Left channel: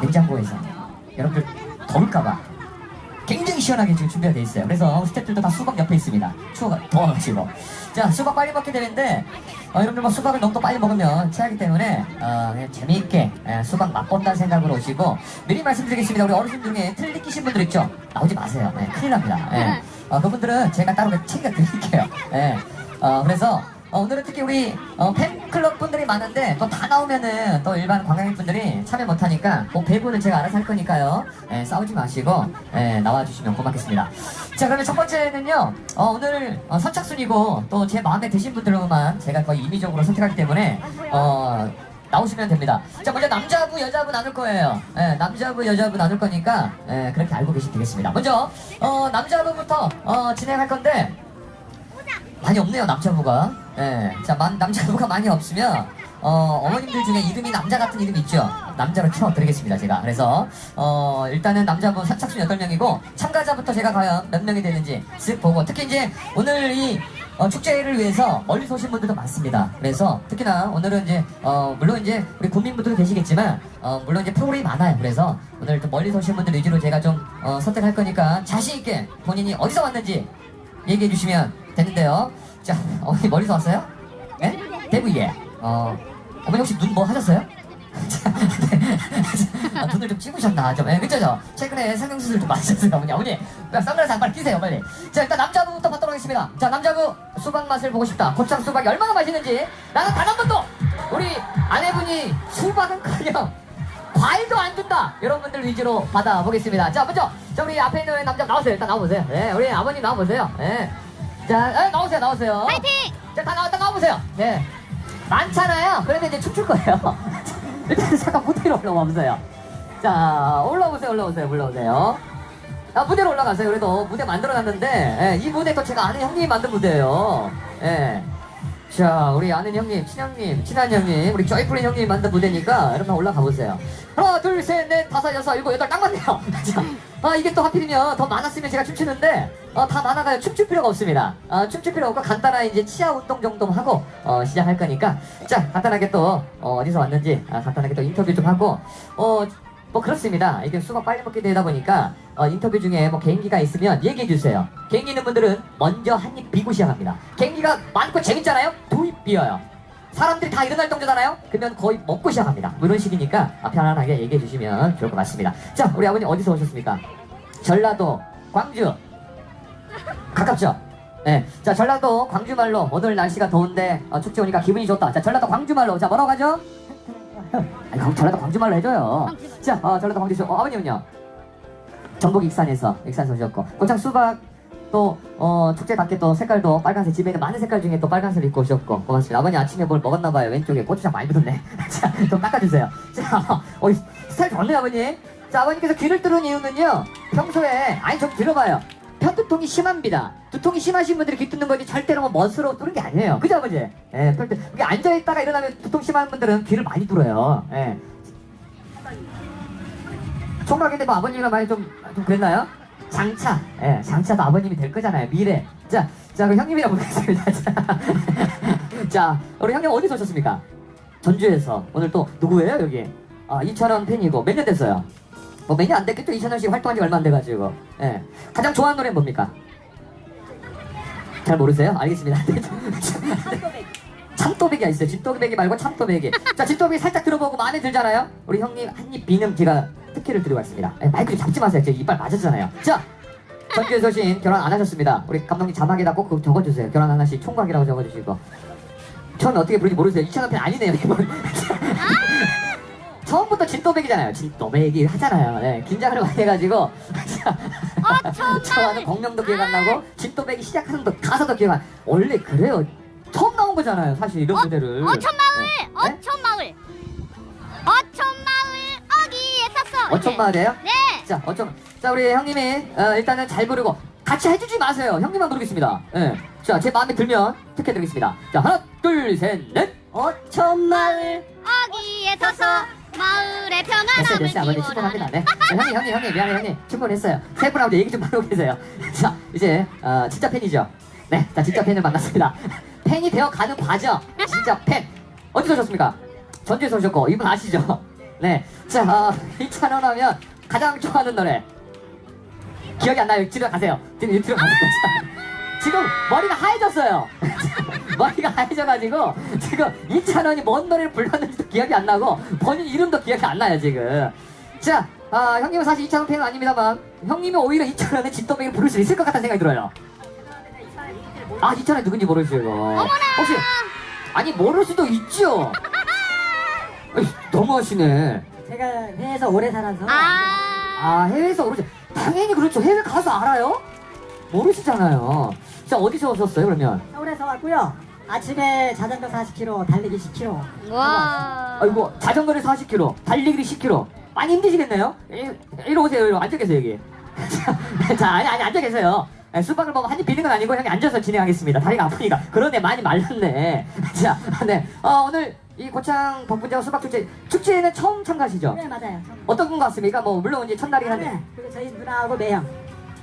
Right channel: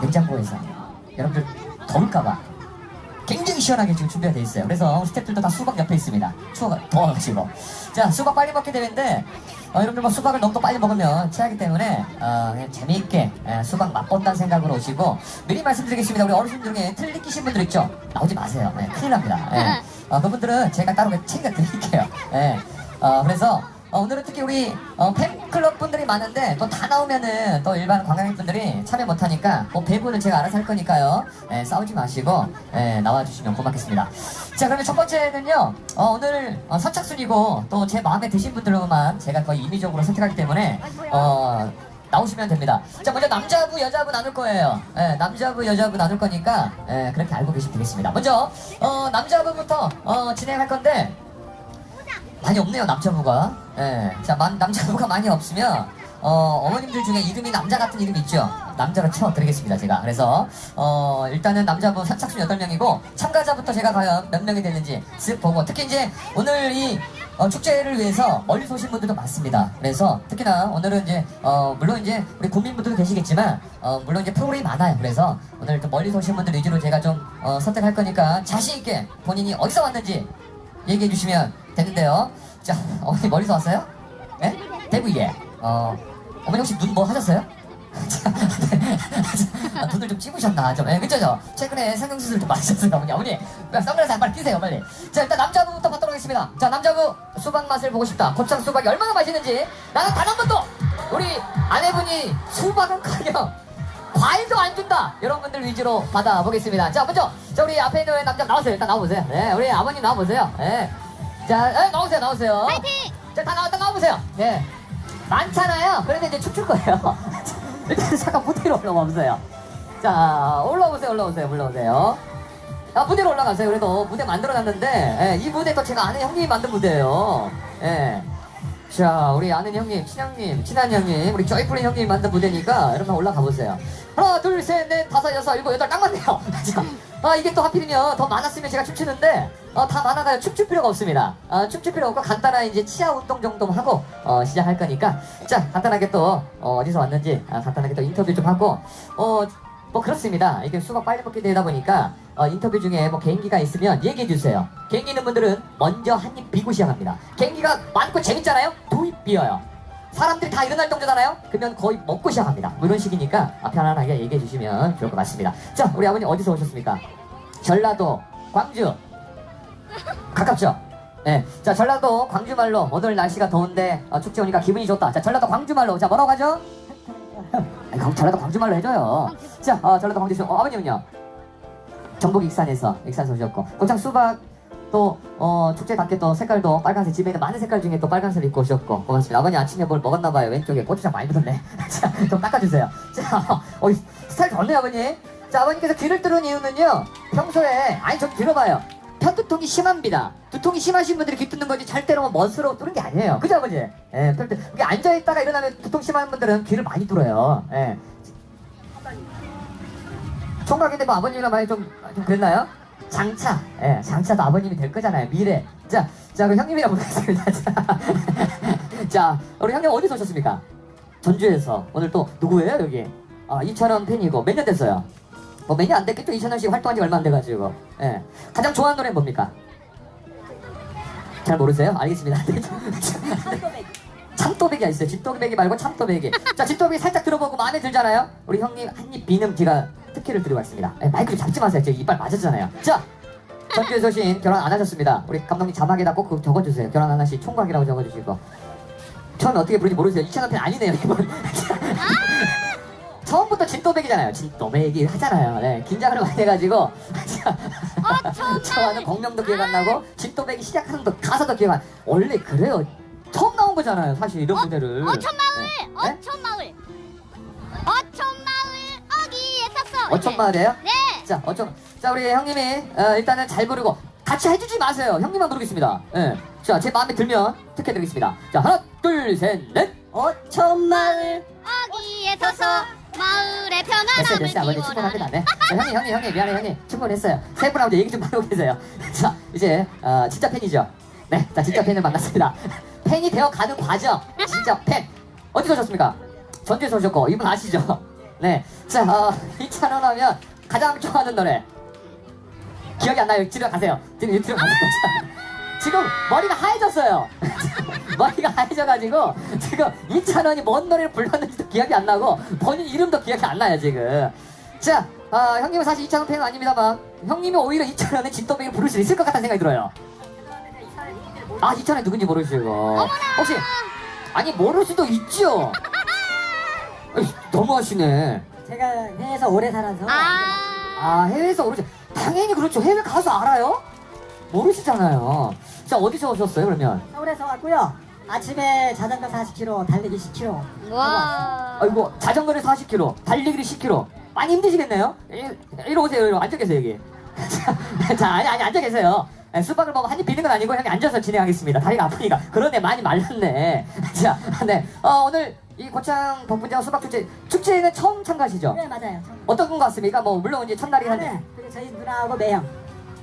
냉장고에서 여러분들 더울까봐 굉장히 시원하게 지금 준비가 돼 있어요. 그래서 스태프들도 다 수박 옆에 있습니다. 수박 더워가지고. 자, 수박 빨리 먹게 되는데, 어, 여러분들 뭐 수박을 너무 또 빨리 먹으면 체하기 때문에, 어, 그냥 재미있게 에, 수박 맛본다는 생각으로 오시고, 미리 말씀드리겠습니다. 우리 어르신 중에 틀리 끼신 분들 있죠? 나오지 마세요. 예, 큰일 납니다. 예. 어, 그분들은 제가 따로 챙겨 드릴게요. 예. 어, 그래서, 어, 오늘은 특히 우리 어, 팬클럽 분들이 많은데 또 다 나오면은 또 일반 관광객분들이 참여 못하니까 그 배부는 제가 알아서 할 거니까요. 예, 싸우지 마시고 예, 나와주시면 고맙겠습니다. 자 그러면 첫 번째는요 어, 오늘 어, 선착순이고 또 제 마음에 드신 분들로만 제가 거의 임의적으로 선택하기 때문에 어, 나오시면 됩니다. 자 먼저 남자부 여자부 나눌 거예요. 예, 남자부 여자부 나눌 거니까 예, 그렇게 알고 계시면 되겠습니다. 먼저 어, 남자부부터 어, 진행할 건데 많이 없네요 남자부가 예. 자 만- 남자부가 많이 없으면 어, 어머님들 중에 이름이 남자 같은 이름 있죠 남자로 채워드리겠습니다 제가 그래서 어, 일단은 남자부 선착순 8명이고 참가자부터 제가 과연 몇 명이 되는지 쓱 보고 특히 이제 오늘 이 어, 축제를 위해서 멀리서 오신 분들도 많습니다. 그래서 특히나 오늘은 이제 어, 물론 이제 우리 국민분들도 계시겠지만 어, 물론 이제 프로그램이 많아요. 그래서 오늘 또 멀리서 오신 분들 위주로 제가 좀 어, 선택할 거니까 자신 있게 본인이 어디서 왔는지 얘기해 주시면 되는데요. 자, 어머니 멀리서 왔어요? 예? 대구 예. 어, 어머니 혹시 눈 뭐 하셨어요? 자, 네. 아, 눈을 좀 찍으셨나 좀. 예, 그죠? 저? 최근에 성형수술 좀 맞으셨어요, 어머니. 어머니, 선글라스 한발 끼세요, 빨리. 자, 일단 남자부부터 받도록 하겠습니다. 자, 남자부 수박 맛을 보고 싶다. 고추장 수박이 얼마나 맛있는지. 나는 단 한 번도 우리 아내분이 수박은 커녕 과일도 안 준다. 여러분들 위주로 받아보겠습니다. 자, 먼저, 자, 우리 앞에 있는 남자 나오세요. 일단 나와보세요. 네, 우리 아버님 나와보세요. 네. 자, 에, 나오세요, 나오세요. 파이팅! 자, 다 나왔다 나와보세요. 네. 많잖아요. 그런데 이제 춤출 거예요. 일단 잠깐 무대로 올라와 보세요. 자, 올라오세요, 올라오세요, 올라오세요. 아, 무대로 올라가세요. 그래도 무대 만들어놨는데, 예, 이 무대가 제가 아는 형님이 만든 무대예요. 예. 자, 우리 아는 형님, 친형님, 친한 형님, 우리 쪼이뿌린 형님이 만든 무대니까 여러분 올라가 보세요. 하나, 둘, 셋, 넷, 다섯, 여섯, 일곱, 여덟, 딱 맞네요. 자, 아, 이게 또 하필이면 더 많았으면 제가 춤추는데, 어, 다 많아가요. 춤출 필요가 없습니다. 아, 춤출 필요 없고 간단한 이제 치아 운동 정도만 하고, 어, 시작할 거니까. 자, 간단하게 또, 어, 어디서 왔는지, 아, 간단하게 또 인터뷰 좀 하고, 어, 뭐 그렇습니다. 이게 수박 빨리 먹게 되다 보니까 어, 인터뷰 중에 뭐 개인기가 있으면 얘기해 주세요. 개인기 있는 분들은 먼저 한 입 비고 시작합니다. 개인기가 많고 재밌잖아요. 비어요. 사람들이 다 일어날 정도잖아요. 그러면 거의 먹고 시작합니다. 뭐 이런 식이니까 편안하게 얘기해 주시면 좋을 것 같습니다. 자, 우리 아버님 어디서 오셨습니까? 전라도, 광주. 가깝죠? 네. 자, 전라도 광주말로 오늘 날씨가 더운데 어, 축제 오니까 기분이 좋다. 자, 전라도 광주말로. 자, 뭐라고 하죠? 아니, 광- 전라도 광주말로 해줘요. 자, 어, 전라도 광주 어, 아버님은요? 전북 익산에서 익산에서 오셨고 고창 수박 또 어, 축제답게 또 색깔도 빨간색 집에 있는 많은 색깔 중에 또 빨간색 입고 오셨고 고맙습니다. 아버님 아침에 뭘 먹었나 봐요. 왼쪽에 고추장 많이 묻었네. 자, 좀 닦아주세요. 자, 어, 스타일 좋네요, 아버님. 자, 아버님께서 귀를 뚫은 이유는요. 평소에 아니 좀 들어봐요. 편두통이 심합니다. 두통이 심하신 분들이 귀 뚫는 거지 절대로 뭐 멋으로 뚫는 게 아니에요. 그죠, 아버지? 예, 뚫 때, 이게 앉아있다가 일어나면 두통 심한 분들은 귀를 많이 뚫어요. 예. 총각인데 뭐 아버님이랑 많이 좀, 좀 그랬나요? 장차, 예, 장차도 아버님이 될 거잖아요. 미래. 자, 자, 그럼 형님이랑 보겠습니다. 자, 자, 우리 형님 어디서 오셨습니까? 전주에서. 오늘 또 누구예요, 여기? 아, 이찬원 팬이고. 몇 년 됐어요? 뭐 몇 년 안 됐겠죠? 이찬원 씨 활동한 지 얼마 안 돼가지고. 예. 가장 좋아하는 노래는 뭡니까? 잘 모르세요? 알겠습니다. 참또배기가 있어요. 집도배기 말고 참또배기. 자, 집도배기 살짝 들어보고 마음에 들잖아요? 우리 형님 한 입 비는 제가 특혜를 드리고 왔습니다. 에, 마이크를 잡지 마세요. 제 이빨 맞았잖아요. 자, 전주에서 오신 결혼 안 하셨습니다. 우리 감독님 자막에다 꼭 그거 적어주세요. 결혼 안 하신 총각이라고 적어주시고. 전 어떻게 부르는지 모르세요. 이찬원 편 아니네요, 이번. 처음부터 진또배기잖아요. 진또배기 하잖아요. 네, 긴장을 많이 해가지고. 저와는 공명도 기억 안 나고, 진또배기 시작하는 것 가사도 기억 안 원래 그래요. 처음 나온 거잖아요, 사실 이런 무대를. 어천마을! 네? 어천마을! 어천마을 어천마을이에요? 네! 자, 어쩜. 자, 우리 형님이, 어, 일단은 잘 부르고, 같이 해주지 마세요. 형님만 부르겠습니다. 예. 자, 제 마음에 들면 특혜 드리겠습니다. 자, 하나, 둘, 셋, 넷. 어천 마을. 어디에 서서 마을의 됐어요, 평안함을 됐어요. 아버님 충분합니다. 기원하는 네. 자, 형님, 형님, 형님, 미안해, 형님. 충분했어요. 세 분하고 얘기 좀 나누고 계세요. 자, 이제, 어, 진짜 팬이죠. 네, 자, 진짜 팬을 만났습니다. 팬이 되어 가는 과정. 진짜 팬. 어디서 오셨습니까? 전주에서 오셨고, 이분 아시죠? 네. 자, 어, 이찬원 하면 가장 좋아하는 노래. 기억이 안 나요. 뒤로 가세요. 뒤로, 뒤로 가세요. 자, 지금 머리가 하얘졌어요. 머리가 하얘져가지고 지금 이찬원이 뭔 노래를 불렀는지도 기억이 안 나고 본인 이름도 기억이 안 나요, 지금. 자, 아, 형님은 사실 이찬원 팬은 아닙니다만 형님이 오히려 이찬원의 진또배기를 부를 수 있을 것 같다는 생각이 들어요. 아, 이찬원이 누군지 모르시고. 혹시, 아니, 모를 수도 있죠. 너무하시네. 제가 해외에서 오래 살아서 아, 아, 해외에서 오르죠. 당연히 그렇죠. 해외 가서 알아요? 모르시잖아요. 자, 어디서 오셨어요, 그러면? 서울에서 왔고요. 아침에 자전거 40km, 달리기 10km. 와. 아이고, 자전거를 40km, 달리기를 10km. 많이 힘드시겠네요? 일- 이리 오세요, 이리 앉아 계세요, 여기. 자, 자, 아니, 아니, 앉아 계세요. 네, 수박을 먹으면 한입 비는 건 아니고, 형이 앉아서 진행하겠습니다. 다리가 아프니까. 그러네, 많이 말랐네. 자, 네. 어, 오늘 이 고창 덕분장 수박 축제, 축제에는 처음 참가하시죠? 네, 맞아요. 어떤 것 같습니까? 뭐, 물론 이제 첫날이 한데. 네, 그리고 저희 누나하고 매형.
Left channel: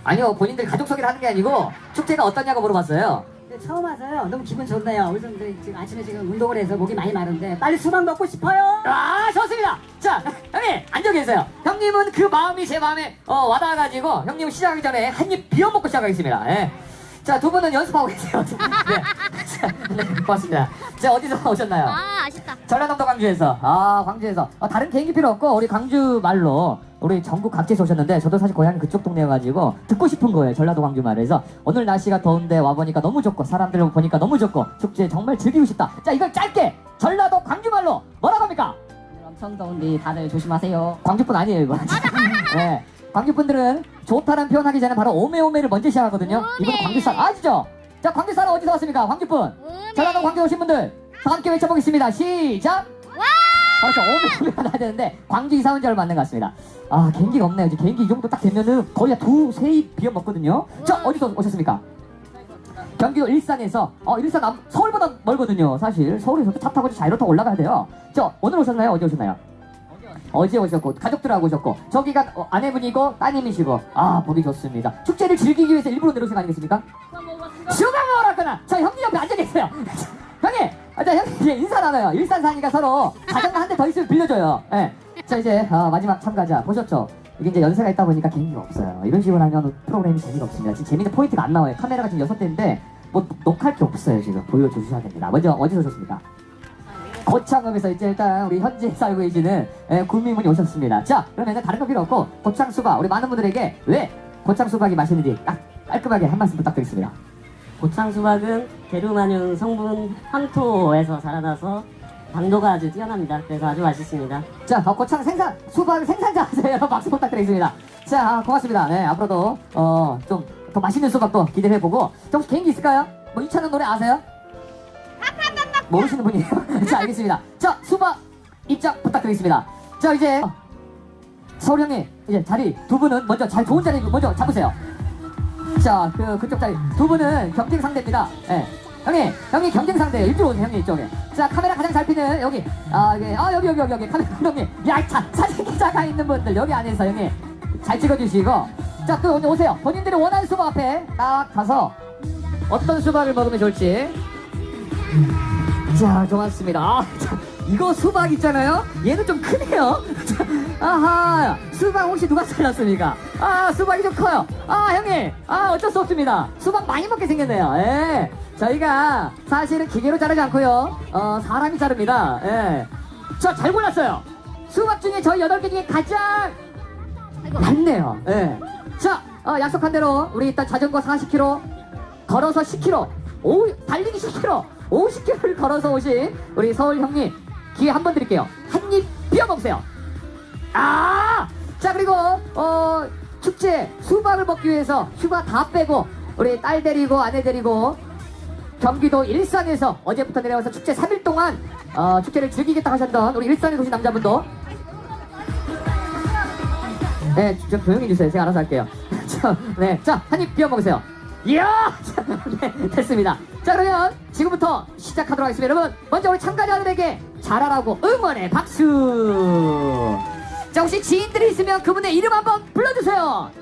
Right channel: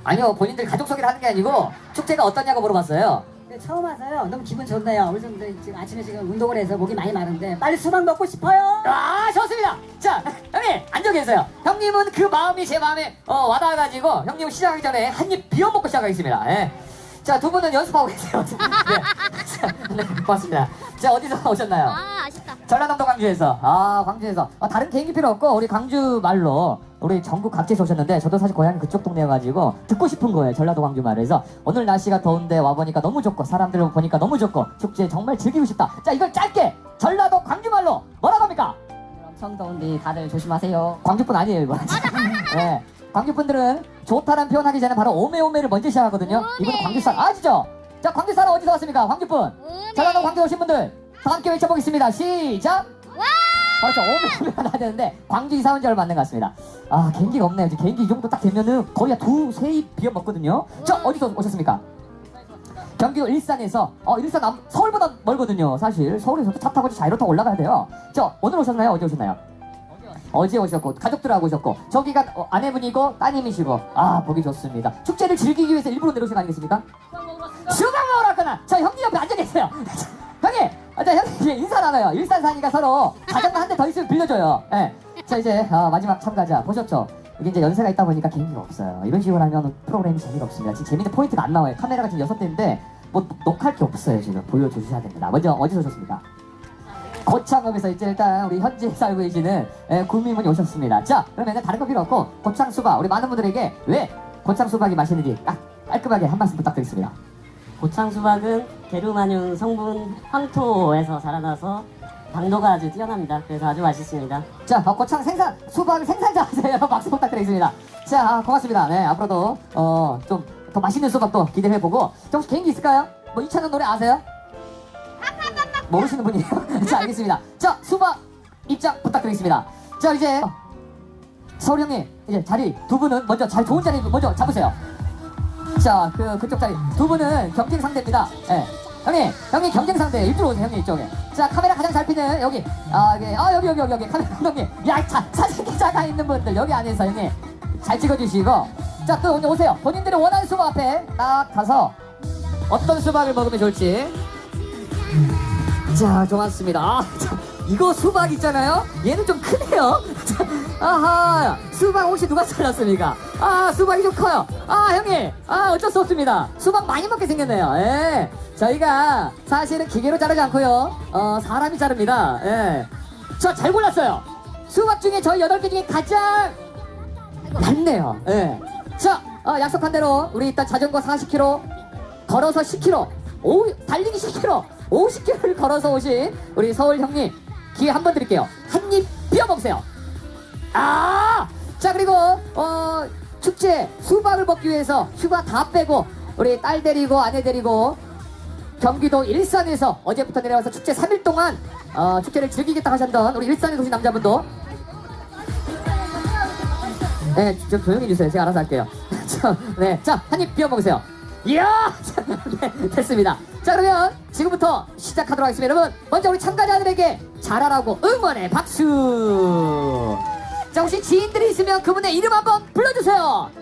아니요, 본인들 가족 소개를 하는 게 아니고, 축제가 어떠냐고 물어봤어요. 네, 처음 와서요. 너무 기분 좋네요. 요즘 네, 지금 아침에 지금 운동을 해서 목이 많이 마른데 빨리 수박 먹고 싶어요. 아, 좋습니다. 자, 형님, 앉아 계세요. 형님은 그 마음이 제 마음에 어, 와닿아가지고, 형님은 시작하기 전에 한 입 비워 먹고 시작하겠습니다. 예. 자, 두 분은 연습하고 계세요. 네. 네, 고맙습니다. 자, 어디서 오셨나요? 아, 아쉽다. 전라남도 광주에서. 아, 광주에서. 아, 다른 개인기 필요 없고, 우리 광주 말로, 우리 전국 각지에서 오셨는데, 저도 사실 고향이 그쪽 동네여가지고, 듣고 싶은 거예요. 전라도 광주 말에서. 오늘 날씨가 더운데 와보니까 너무 좋고, 사람들 보니까 너무 좋고, 축제 정말 즐기고 싶다. 자, 이걸 짧게, 전라도 광주 말로, 뭐라고 합니까? 엄청 더운데 다들 조심하세요. 광주분 아니에요, 이거. 네. 광주분들은 좋다는 표현하기 전에 바로 오메오메를 먼저 시작하거든요. 오메. 이분은 광주산 아시죠? 자, 광주산 어디서 왔습니까? 광주분. 전라도 광주 오신 분들 다 함께 외쳐보겠습니다. 시작! 와! 그렇죠. 오메오메가 나야 되는데 광주 이사 온 지 얼마 안 된 것 같습니다. 아, 개인기가 없네요. 이제 개인기 이 정도 딱 되면은 거의 두, 세 입 비어 먹거든요. 자, 어디서 오셨습니까? 경기도 일산에서 어 일산 남, 서울보다 멀거든요 사실 서울에서도 차 타고 자이로 타고 올라가야 돼요 저 오늘 오셨나요 어제 오셨나요 어제 오셨고 가족들하고 오셨고 저기가 어, 아내분이고 따님이시고. 아 보기 좋습니다. 축제를 즐기기 위해서 일부러 내려오신 거 아니겠습니까? 먹으러 왔구나. 자 형님 옆에 앉아 계세요. 형님 아, 자 형님 인사 나눠요. 일산 사니까 서로 자전거 한대 더 있으면 빌려줘요. 예. 자 이제 어, 마지막 참가자 보셨죠? 이게 이제 연세가 있다 보니까 개인기가 없어요. 이런 식으로 하면 프로그램이 재미가 없습니다. 지금 재밌는 포인트가 안 나와요. 카메라가 지금 여섯 대인데 뭐 녹화할 게 없어요 지금. 보여주셔야 됩니다. 먼저 어디서 오셨습니까 고창읍에서 이제 일단 우리 현지에 살고 계시는 예, 국민분이 오셨습니다. 자, 그러면 다른 거 필요 없고 고창 수박 우리 많은 분들에게 왜 고창 수박이 맛있는지 딱 깔끔하게 한 말씀 부탁드리겠습니다. 고창 수박은 대륙만유 성분 황토에서 자라나서 당도가 아주 뛰어납니다. 그래서 아주 맛있습니다. 자, 어, 고창 생산 수박 생산자 하세요. 박수 부탁드리겠습니다. 자, 아, 고맙습니다. 네, 앞으로도 어, 좀 더 맛있는 수박도 기대해 보고. 자, 혹시 개인기 있을까요? 뭐 이찬원 노래 아세요? 모르시는 분이에요? 자, 알겠습니다. 자, 수박 입장 부탁드리겠습니다. 자, 이제 서울 형님 이제 자리 두 분은 먼저 잘 좋은 자리 먼저 잡으세요. 자, 그 그쪽 자리 두 분은 경쟁 상대입니다. 예. 형님, 형님 경쟁 상대 이쪽으로 오세요, 형님 이쪽에. 자, 카메라 가장 잘 피는 여기, 아, 여기, 아 여기 여기 여기 여기 카메라 형님, 야, 자, 사진 기자가 있는 분들 여기 안에서 형님 잘 찍어주시고, 자, 또 오늘 오세요. 본인들이 원하는 수박 앞에 딱 가서 어떤 수박을 먹으면 좋을지. 자, 좋았습니다. 아, 자, 이거 수박 있잖아요? 얘는 좀 크네요. 자, 아하, 수박 혹시 누가 잘랐습니까? 아, 수박이 좀 커요. 아, 형님, 아, 어쩔 수 없습니다. 수박 많이 먹게 생겼네요. 예. 저희가 사실은 기계로 자르지 않고요. 어, 사람이 자릅니다. 예. 저 잘 골랐어요. 수박 중에 저희 8개 중에 가장 많네요. 예. 자, 어, 약속한 대로 우리 일단 자전거 40km, 걸어서 10km, 오, 달리기 10km, 50km를 걸어서 오신 우리 서울 형님 기회 한 번 드릴게요. 한 입 비워 먹으세요. 아! 자, 그리고 어, 축제 수박을 먹기 위해서 휴가 다 빼고 우리 딸 데리고 아내 데리고 경기도 일산에서 어제부터 내려와서 축제 3일 동안 어, 축제를 즐기겠다 하셨던 우리 일산에 오신 남자분도 네, 좀 조용히 해주세요. 제가 알아서 할게요. 자, 네, 자, 한 입 비워 먹으세요. 이야! 자, 네, 됐습니다. 자, 그러면 지금부터 시작하도록 하겠습니다. 여러분, 먼저 우리 참가자들에게 잘하라고 응원의 박수! 자, 혹시 지인들이 있으면 그분의 이름 한번 불러주세요.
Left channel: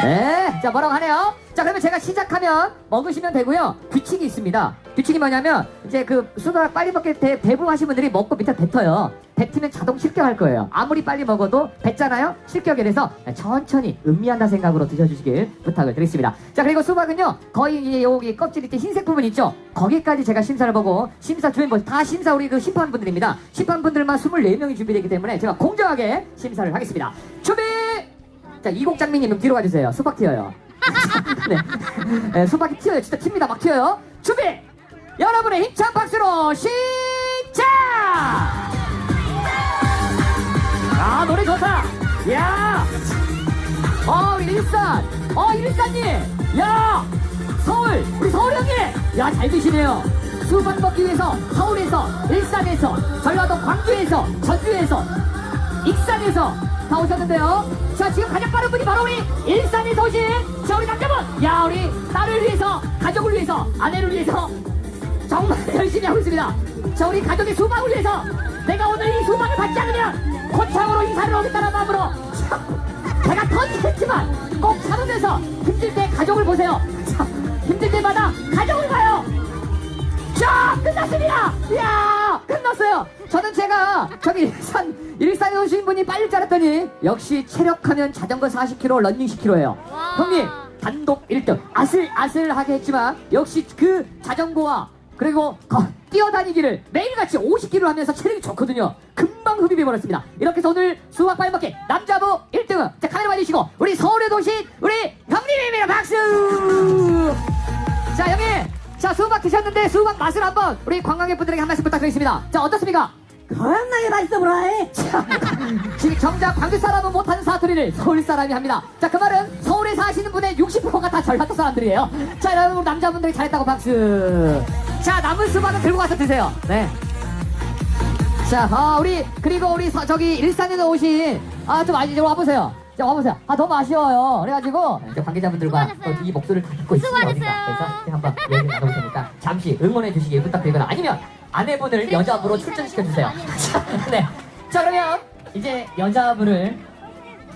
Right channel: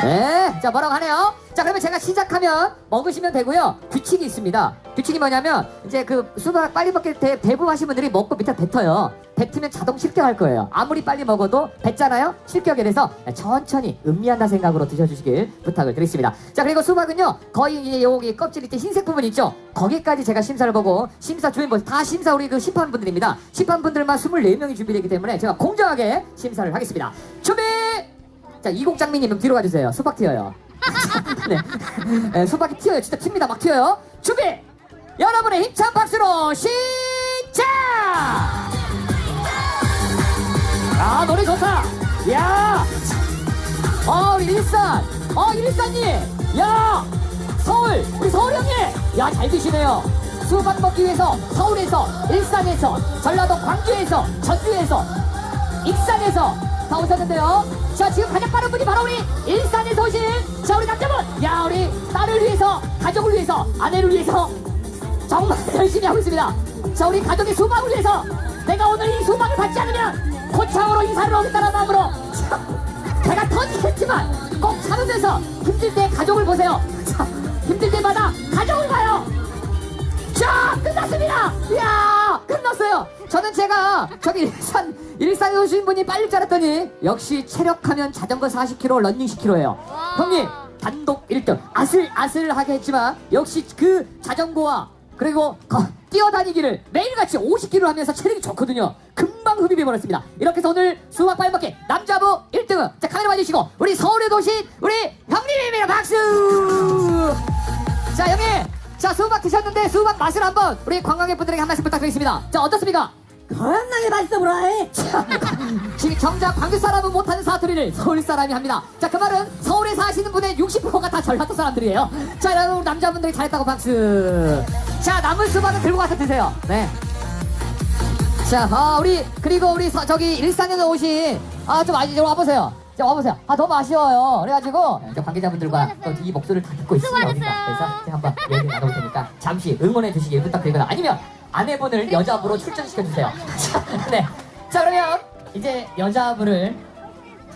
네, 자 뭐라고 하네요. 자 그러면 제가 시작하면 먹으시면 되고요. 규칙이 있습니다. 규칙이 뭐냐면 이제 그 수박 빨리 먹기 대, 대부분 하신 분들이 먹고 밑에 뱉어요. 뱉으면 자동 실격할 거예요. 아무리 빨리 먹어도 뱉잖아요. 실격이 돼서 천천히 음미한다 생각으로 드셔주시길 부탁을 드리겠습니다. 자 그리고 수박은요 거의 이 여기 껍질 밑에 흰색 부분 있죠. 거기까지 제가 심사를 보고 심사 주인 분 다 심사 우리 그 심판분들입니다. 심판분들만 24명이 준비되기 때문에 제가 공정하게 심사를 하겠습니다. 준비! 자, 이곡장미님 뒤로 가주세요. 수박 튀어요. 네. 네, 수박이 튀어요. 진짜 튑니다. 막 튀어요. 준비! 여러분의 힘찬 박수로 시작! 아, 노래 좋다. 야! 어, 우리 일산. 어, 일산님. 야! 서울. 우리 서울 형님. 야, 잘 드시네요. 수박 먹기 위해서 서울에서, 일산에서, 전라도 광주에서, 전주에서, 익산에서 다 오셨는데요. 자, 지금 가장 빠른 분이 바로 우리 일산에서 오신 자, 우리 남자분. 야, 우리 딸을 위해서, 가족을 위해서, 아내를 위해서 정말 열심히 하고 있습니다. 자, 우리 가족의 수박을 위해서 내가 오늘 이 수박을 받지 않으면 고창으로 인사를 오겠다는 마음으로 자, 배가 터지겠지만 꼭 참으면서 힘들 때 가족을 보세요. 자, 힘들 때마다 가족을 봐요. 자, 끝났습니다. 저는 제가 저기 일산 일산에 오신 분이 빨리 줄 알았더니 역시 체력하면 자전거 40km, 런닝 10km예요. 와. 형님 단독 1등 아슬아슬하게 했지만 역시 그 자전거와 그리고 거- 뛰어다니기를 매일같이 50km 하면서 체력이 좋거든요. 금방 흡입해 버렸습니다. 이렇게 해서 오늘 수박 빨먹기 남자부 1등은 자 카메라 봐주시고 우리 서울에 오신 우리 형님입니다. 박수! 자 형님 자 수박 드셨는데 수박 맛을 한번 우리 관광객분들에게 한 말씀 부탁드리겠습니다. 자 어떻습니까? 겁나게 맛있어 보라이. 자, 지금 정작 방귀 사람은 못하는 사투리를 서울 사람이 합니다. 자, 그 말은 서울에 사시는 분의 60%가 다 전라도 사람들이에요. 자, 여러분 남자분들이 잘했다고 박수. 자, 남은 수박은 들고 가서 드세요. 네. 자, 아, 우리 그리고 우리 서- 저기 일산에서 오신 아 좀 아니 좀 와보세요. 자, 와보세요. 아 너무 아쉬워요. 그래가지고 저 관계자분들과. 또 이 목소리를 다 듣고 있습니다. 수고하셨어요. 그래서 제가 한번 얘기 나눠볼 테니까 잠시 응원해 주시길 부탁드리고요. 아니면 아내분을 여자분으로 출전시켜 주세요. 네. 자 그러면 이제 여자분을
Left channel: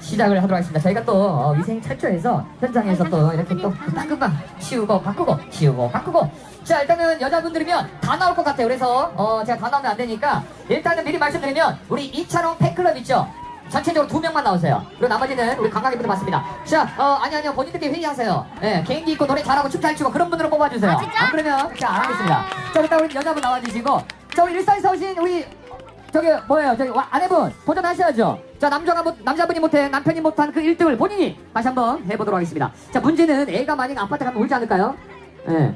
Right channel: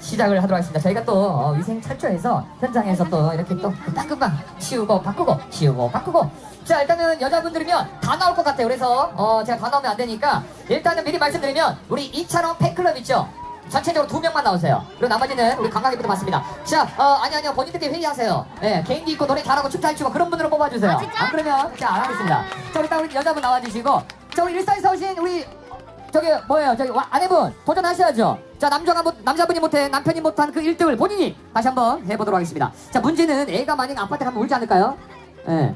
시작을 하도록 하겠습니다. 저희가 또 어, 위생 최초에서 현장에서 또 이렇게 또 금방 치우고 바꾸고 치우고 바꾸고 자 일단은 여자분들이면 다 나올 것 같아요. 그래서 어 제가 다 나오면 안 되니까 일단은 미리 말씀드리면 우리 이철원 팬클럽 있죠? 전체적으로 두 명만 나오세요. 그리고 나머지는 우리 관광객분들 맞습니다. 자, 어, 아니, 아니요. 본인들끼리 회의하세요. 예, 개인기 있고 노래 잘하고 춤 잘 추고 그런 분들을 뽑아주세요. 아? 안 그러면, 자, 안 하겠습니다. 자, 일단 우리 여자분 나와주시고, 자, 우리 일산에서 오신 우리 저기 뭐예요? 저기 와, 아내분 도전하셔야죠. 자 남자가 못, 남자분이 못해 남편이 못한 그 1등을 본인이 다시 한번 해보도록 하겠습니다. 자 문제는 애가 만약 아파트 가면 울지 않을까요? 예.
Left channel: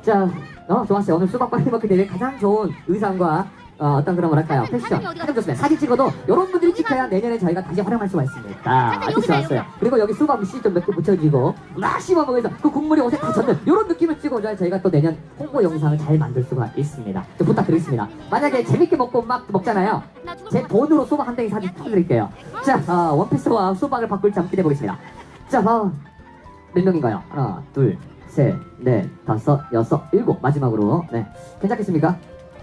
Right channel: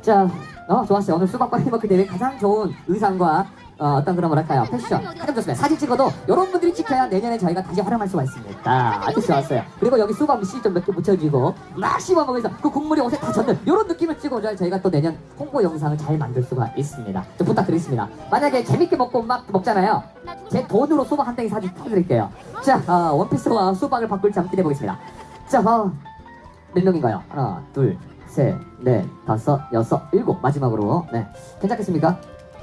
자, 어 좋았어요. 오늘 수박 빨리 먹기 대회 가장 좋은 의상과 어, 어떤 그런 뭐랄까요 패션 사진 좋습니다. 사진 찍어도 이런 분들이 찍혀야 내년에 저희가 다시 활용할 수가 있습니다. 아주 좋았어요. 그리고 여기 수박 씨좀 몇 개 묻혀주고 막 씹어 먹으면서 그 국물이 옷에 다 젖는 이런 느낌을 찍어줘야 저희가 또 내년 홍보 영상을 잘 만들 수가 있습니다. 좀 부탁드리겠습니다. 만약에 재밌게 먹고 막 먹잖아요. 제것 돈으로 수박 한 덩이 사진 타드릴게요. 자, 어, 원피스와 수박을 바꿀지 한번 기대해보겠습니다. 자, 어, 몇 명인가요? 하나, 둘, 셋, 넷, 다섯, 여섯, 일곱. 마지막으로. 네. 괜찮겠습니까?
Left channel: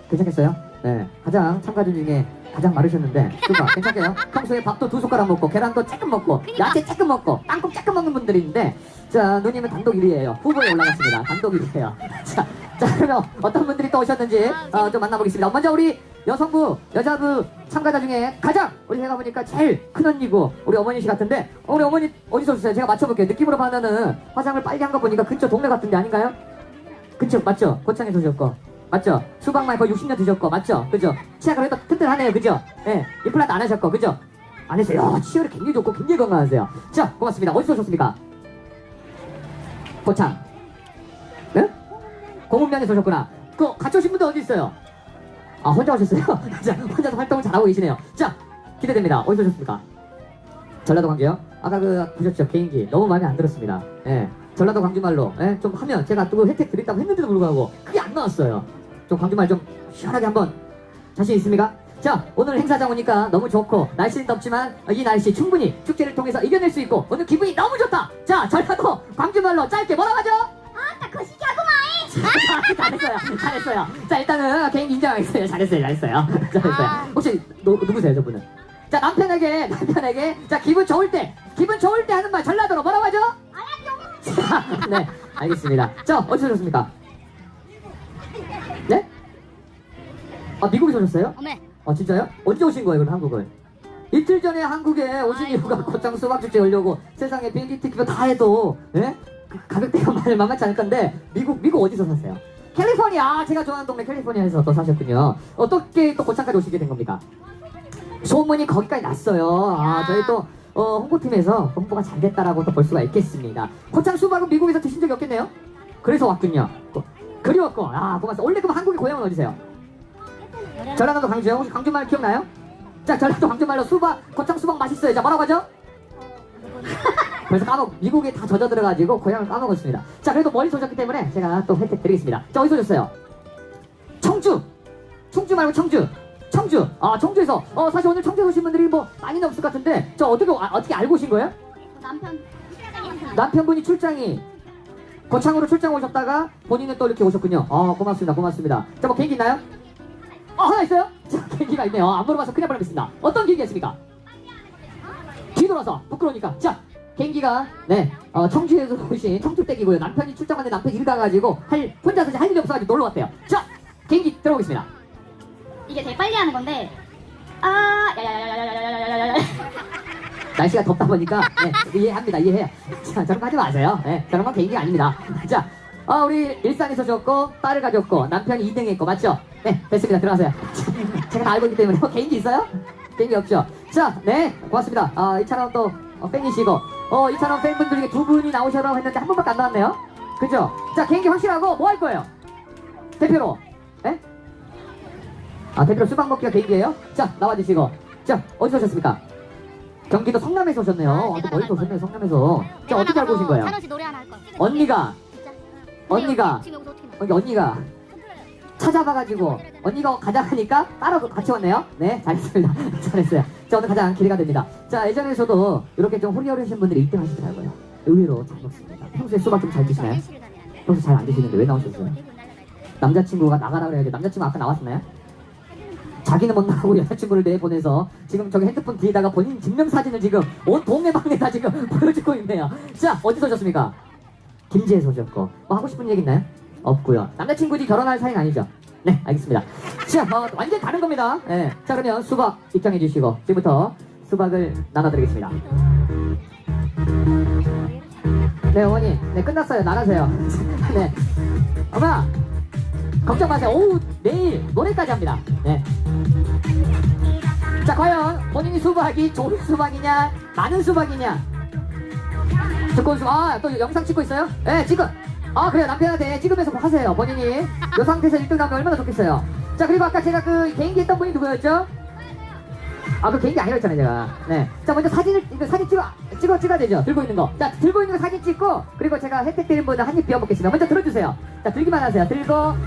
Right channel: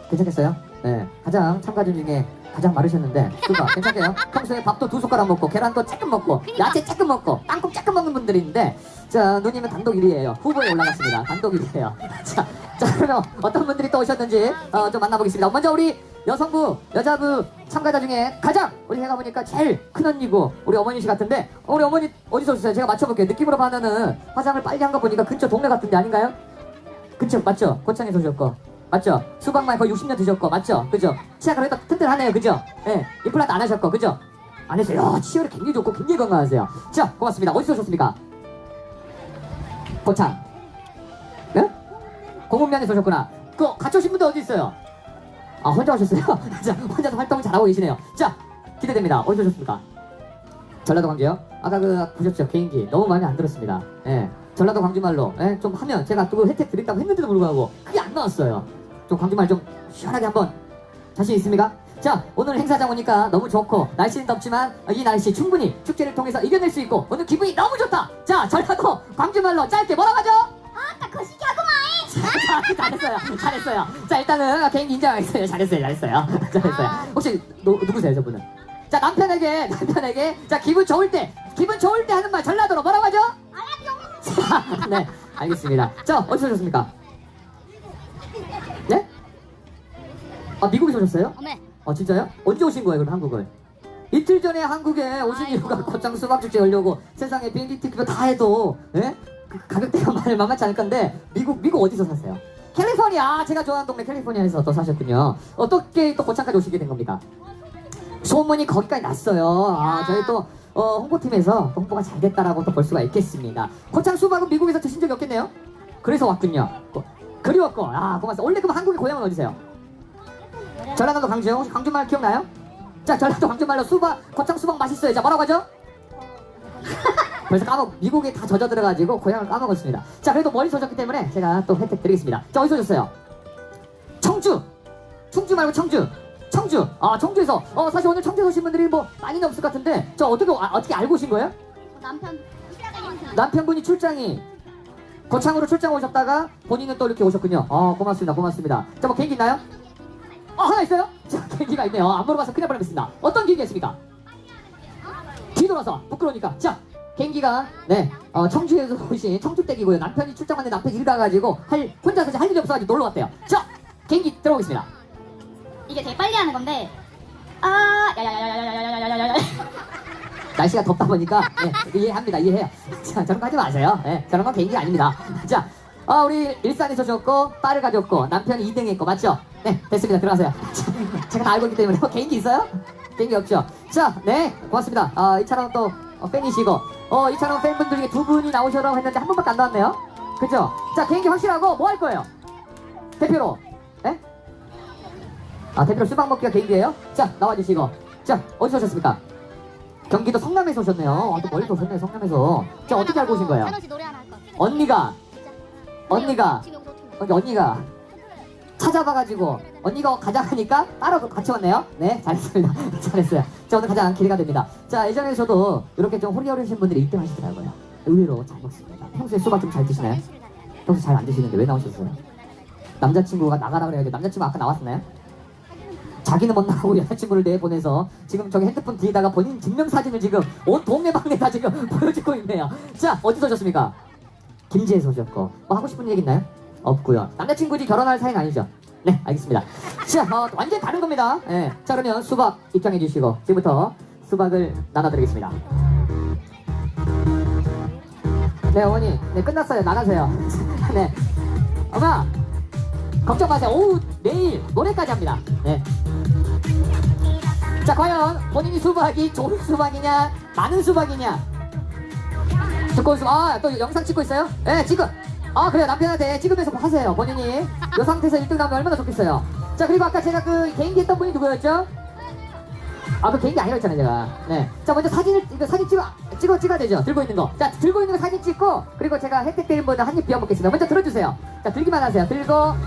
괜찮겠어요? 네. 가장 참가자 중에 가장 마르셨는데, 수박 괜찮게요? 평소에 밥도 두 숟가락 먹고, 계란도 조금 먹고, 야채 조금 먹고, 땅콩 조금 먹는 분들인데, 자, 누님은 단독 1위에요. 후보에 올라갔습니다. 단독 1위에요. 자, 자, 그러면 어떤 분들이 또 오셨는지, 어, 좀 만나보겠습니다. 먼저 우리 여성부, 여자부 참가자 중에 가장 우리 해가 보니까 제일 큰 언니고 우리 어머니 씨 같은데 어, 우리 어머니 어디서 오셨어요? 제가 맞춰볼게요. 느낌으로 봐면은 화장을 빨리 한 거 보니까 근처 동네 같은데 아닌가요? 그쵸 맞죠? 고창에서 오셨고 맞죠? 수박만 거의 60년 드셨고 맞죠? 그죠? 치아 그래도 튼튼하네요 그죠? 예 임플란트 안 하셨고 그죠? 안 했어요 야, 치열이 굉장히 좋고 굉장히 건강하세요 자 고맙습니다 어디서 오셨습니까? 고창 네? 공문면에서 오셨구나 그 같이 오신 분들 어디 있어요? 아 혼자 오셨어요? 자 혼자서 활동을 잘하고 계시네요 자 기대됩니다 어디서 오셨습니까? 전라도 광주요? 아까 그 보셨죠 개인기 너무 마음에 안 들었습니다 예 전라도 광주말로 예, 좀 하면 제가 그 혜택 드린다고 했는데도 불구하고 그게 안 나왔어요 좀 광주말 좀 시원하게 한번 자신 있습니까? 자 오늘 행사장 오니까 너무 좋고 날씨는 덥지만 이 날씨 충분히 축제를 통해서 이겨낼 수 있고 오늘 기분이 너무 좋다 자 전라도 광주말로 짧게 뭐라고 하죠? 아따 거시기하구만 잘했어요. 잘했어요. 자, 일단은 개인 인정하겠어요. 잘했어요. 잘했어요. 잘했어요. 아. 혹시 노, 누구세요, 저분은? 자 남편에게 남편에게 자 기분 좋을 때 기분 좋을 때 하는 말 전라도로 뭐라고 하죠? 자, 네 알겠습니다. 자 어디서 오셨습니까? 아 미국에서 오셨어요? 어메. 어 진짜요? 언제 오신 거예요 그럼 한국을? 이틀 전에 한국에 오신 아이고. 이유가 곧장 수박축제 열려고 세상에 비행기 티켓 다 해도 예? 가격대가 많이 만만치 않을 건데 미국 미국 어디서 사세요? 캘리포니아 제가 좋아하는 동네 캘리포니아에서 또 사셨군요 어떻게 또 고창까지 오시게 된 겁니까? 소문이 거기까지 났어요 아 야. 저희 또 어, 홍보팀에서 홍보가 잘 됐다라고 또 볼 수가 있겠습니다 고창 수박은 미국에서 드신 적이 없겠네요? 그래서 왔군요 또 그리웠고 아 고맙습니다 원래 그럼 한국의 고향은 어디세요? 전라남도 광주 광주말 기억나요? 자 전라도 광주말로 수박 고창 수박 맛있어요 자 뭐라고 하죠? 그래서 까먹 미국에 다 젖어 들어가지고 고향을 까먹었습니다 자 그래도 머리 젖었기 때문에 제가 또 혜택 드리겠습니다 자 어디서 오셨어요? 청주 충주 말고 청주 청주 아 청주에서 어 사실 오늘 청주에 오신 분들이 뭐 많이는 없을 것 같은데 저 어떻게 아, 어떻게 알고 오신 거예요? 남편 남편분이 출장이 고창으로 출장 오셨다가 본인은 또 이렇게 오셨군요. 어, 고맙습니다. 고맙습니다. 자, 뭐 계획 있나요? 어, 하나 있어요? 자, 계획이가 있네요. 안 물어봐서 큰일 뻔했습니다. 어떤 계획이었습니까? 뒤돌아서 부끄러우니까. 자, 개인기가 네, 어, 청주에서 오신 청주댁이고요. 남편이 출장하는데 남편이 일을 가가지고 할 혼자서 할 일이 없어가지고 놀러 왔대요. 자, 개인기 들어보겠습니다. 이게 되게 빨리 하는 건데 아 날씨가 덥다 보니까 네, 이해합니다. 이해해요. 자, 저런 거 하지 마세요. 네, 저런 건 개인기 아닙니다. 자, 어, 우리 일산에서 줬고 딸을 가졌고 남편이 2등 했고 맞죠? 네, 됐습니다. 들어가세요. 자, 제가 다 알고 있기 때문에 뭐 개인기 있어요? 개인기 없죠? 자, 네, 고맙습니다. 아, 이찬원 또 어, 팬이시고 어, 이찬원 팬분들 중에 두 분이 나오셔라 했는데 한 분밖에 안 나왔네요. 그죠? 자, 개인기 확실하고 뭐 할 거예요? 대표로. 네? 아, 대표로 수박 먹기가 개인기예요? 자, 나와주시고. 자, 어디서 오셨습니까? 경기도 성남에서 오셨네요. 아, 아, 제가 멀리서 오셨네요, 성남에서. 자, 어떻게 알고 오신 거예요? 찬호 씨 노래 하나 할 거야 언니가, 언니가, 여기 언니가 찾아봐가지고, 언니가 가자 하니까 따로 같이 왔네요. 네, 잘했습니다. 잘했어요. 자, 오늘 가장 기대가 됩니다. 자, 예전에 저도 이렇게 좀 호리 어르신 분들이 1등 하시더라고요. 의외로 잘 먹습니다. 평소에 수박 좀 잘 드시나요? 평소 잘 안 드시는데 왜 나오셨어요? 남자친구가 나가라 그래야 남자친구 아까 나왔었나요? 자기는 못 나가고 여자친구를 내보내서 지금 저기 핸드폰 뒤에다가 본인 증명사진을 지금 온 동네 방네 다 지금 보여주고 있네요. 자, 어디서 오셨습니까? 김제에서 오셨고. 뭐 하고 싶은 얘기 있나요? 없고요. 남자친구지 결혼할 사이는 아니죠? 네, 알겠습니다. 자, 어, 완전 다른 겁니다. 네. 자, 그러면 수박 입장해 주시고 지금부터 수박을 나눠드리겠습니다. 네, 어머니. 네, 끝났어요. 나가세요. 네. 엄마! 걱정 마세요. 오후 내일 노래까지 합니다. 네. 자, 과연 본인이 수박이 좋은 수박이냐, 많은 수박이냐? 듣고 있 아, 또 영상 찍고 있어요? 네, 지금. 아, 그래요. 남편한테 찍으면서 하세요. 본인이. 이 상태에서 1등 나오면 얼마나 좋겠어요. 자, 그리고 아까 제가 그 개인기 했던 분이 누구였죠? 아, 그 개인기 아니었잖아요, 제가. 네. 자, 먼저 사진을, 이거 사진 찍어, 찍어, 찍어야 되죠? 들고 있는 거. 자, 들고 있는 거 사진 찍고, 그리고 제가 혜택 드린 분들 한입 비워 먹겠습니다. 먼저 들어주세요. 자, 들기만 하세요. 들고,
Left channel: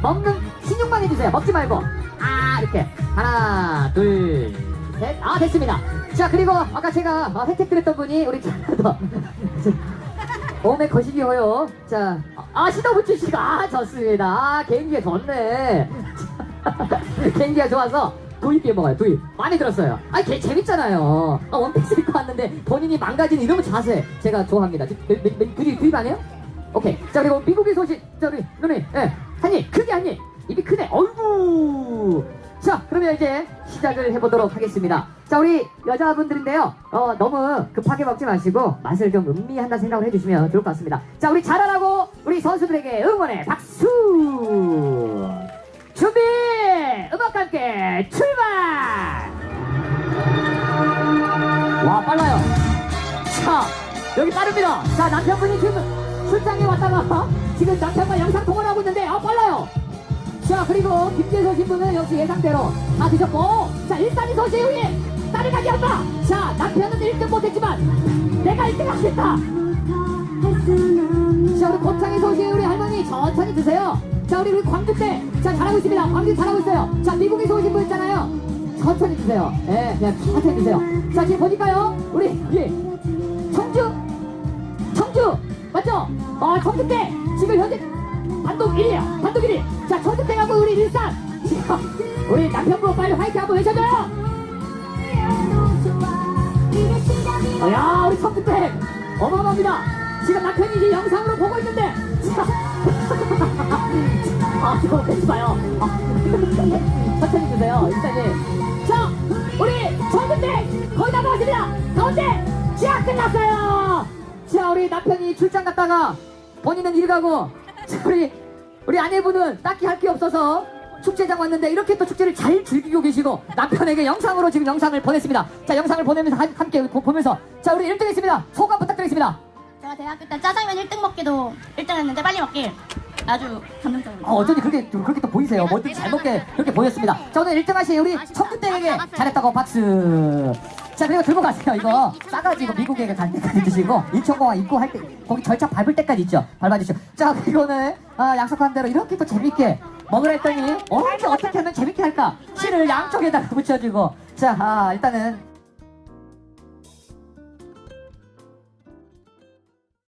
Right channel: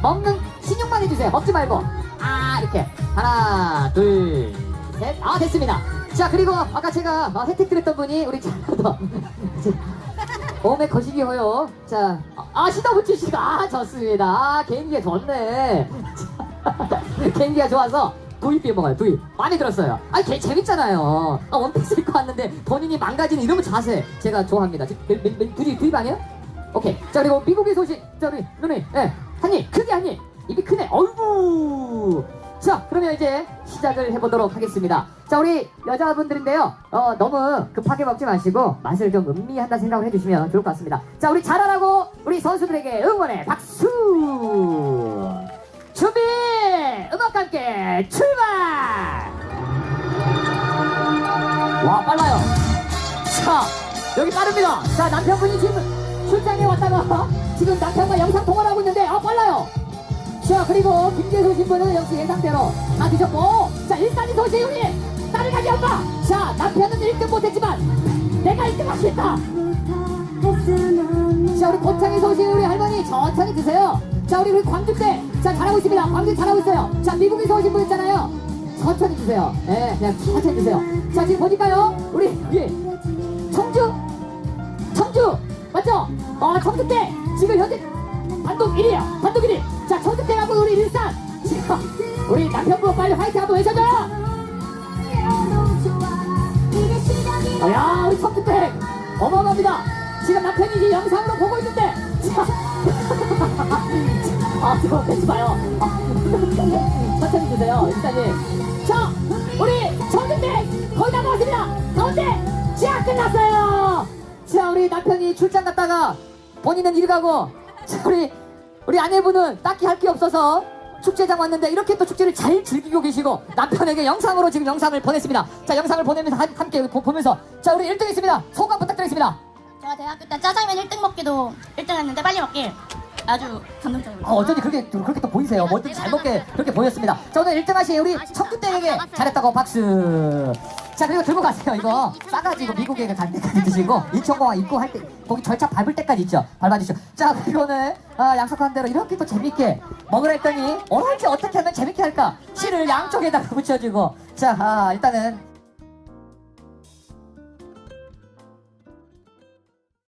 먹는, 신용만 해주세요. 먹지 말고. 아, 이렇게. 하나, 둘, 셋. 아, 됐습니다. 자, 그리고 아까 제가 아, 혜택 드렸던 분이 우리 전라도. 몸에 거시기 허요. 자, 아, 시더부츠 씨가, 아, 좋습니다. 아, 개인기가 좋네. 개인기가 좋아서 두입 먹어요, 두입. 많이 들었어요. 아, 개, 재밌잖아요. 아, 원피스 입고 왔는데 본인이 망가지는 이런 자세 제가 좋아합니다. 몇- 몇- 두입, 두입 아니에요? 오케이. 자, 그리고 미국의 소식. 자, 우리 누님, 예. 한 입, 크게 한 입. 입이 크네. 어이구. 자, 그러면 이제 시작을 해보도록 하겠습니다. 자, 우리 여자분들인데요. 어, 너무 급하게 먹지 마시고 맛을 좀 음미한다 생각을 해주시면 좋을 것 같습니다. 자, 우리 잘하라고 우리 선수들에게 응원의 박수! 준비! 음악과 함께 출발! 와, 빨라요. 자, 여기 빠릅니다. 자, 남편분이 지금 출장에 왔다가 지금 남편과 영상 통화를 하고 있는데, 아. 자, 그리고 김재소 신부는 역시 예상대로 다 드셨고, 자, 일산이 소식 우리 딸을 가져온다. 자, 남편은 1등 못했지만, 내가 1등 하겠다. 자, 우리 곱창이 소식 우리 할머니 천천히 드세요. 자, 우리 우리 광주 때, 자, 잘하고 있습니다. 광주 잘하고 있어요. 자, 미국에 오신 분 있잖아요. 천천히 드세요. 예, 그냥 천천히 드세요. 자, 지금 보니까요, 우리, 예, 청주, 청주, 맞죠? 어, 청주 때, 지금 현재 단독 1위야. 단독 1위. 자, 청주 때 가고 우리 일산. 지금, 우리 남편분 빨리 화이팅 한번 외쳐줘요. 야 우리 성규택 어마어마합니다 지금 남편이 이제 영상으로 보고 있는데 자, 아 지금 되지 마요 천천히 주세요 일단은 자 우리 성규택 거의 다 나왔습니다 가운데 시합 끝났어요 자 우리 남편이 출장 갔다가 본인은 일 가고 자, 우리 우리 아내분은 딱히 할 게 없어서 축제장 왔는데 이렇게 또 축제를 잘 즐기고 계시고 남편에게 영상으로 지금 영상을 보냈습니다. 자 영상을 보내면서 한- 함께 보- 보면서 자 우리 1등 했습니다. 소감 부탁드리겠습니다. 제가 대학교 때 짜장면 1등 먹기도 1등 했는데 빨리 먹기 아주 감동적입니다. 어, 어쩐지 그렇게 또 그렇게 또 보이세요. 뭐든지 잘 먹게 그렇게 보였습니다. 자 오늘 1등 하신 우리 청구땡에게 잘했다고 박수. 자 그리고 들고 가세요 이거. 싸가지고 미국에 갈 때까지 드시고 인천공항 입구 할때 거기 절차 밟을 때까지 있죠? 밟아주시죠. 자 그리고 오늘 아, 약속한 대로 이렇게 또 재밌게 먹으라 했더니 언제 어떻게 하면 재밌게 할까? 실을 양쪽에다가 붙여주고. 자 아, 일단은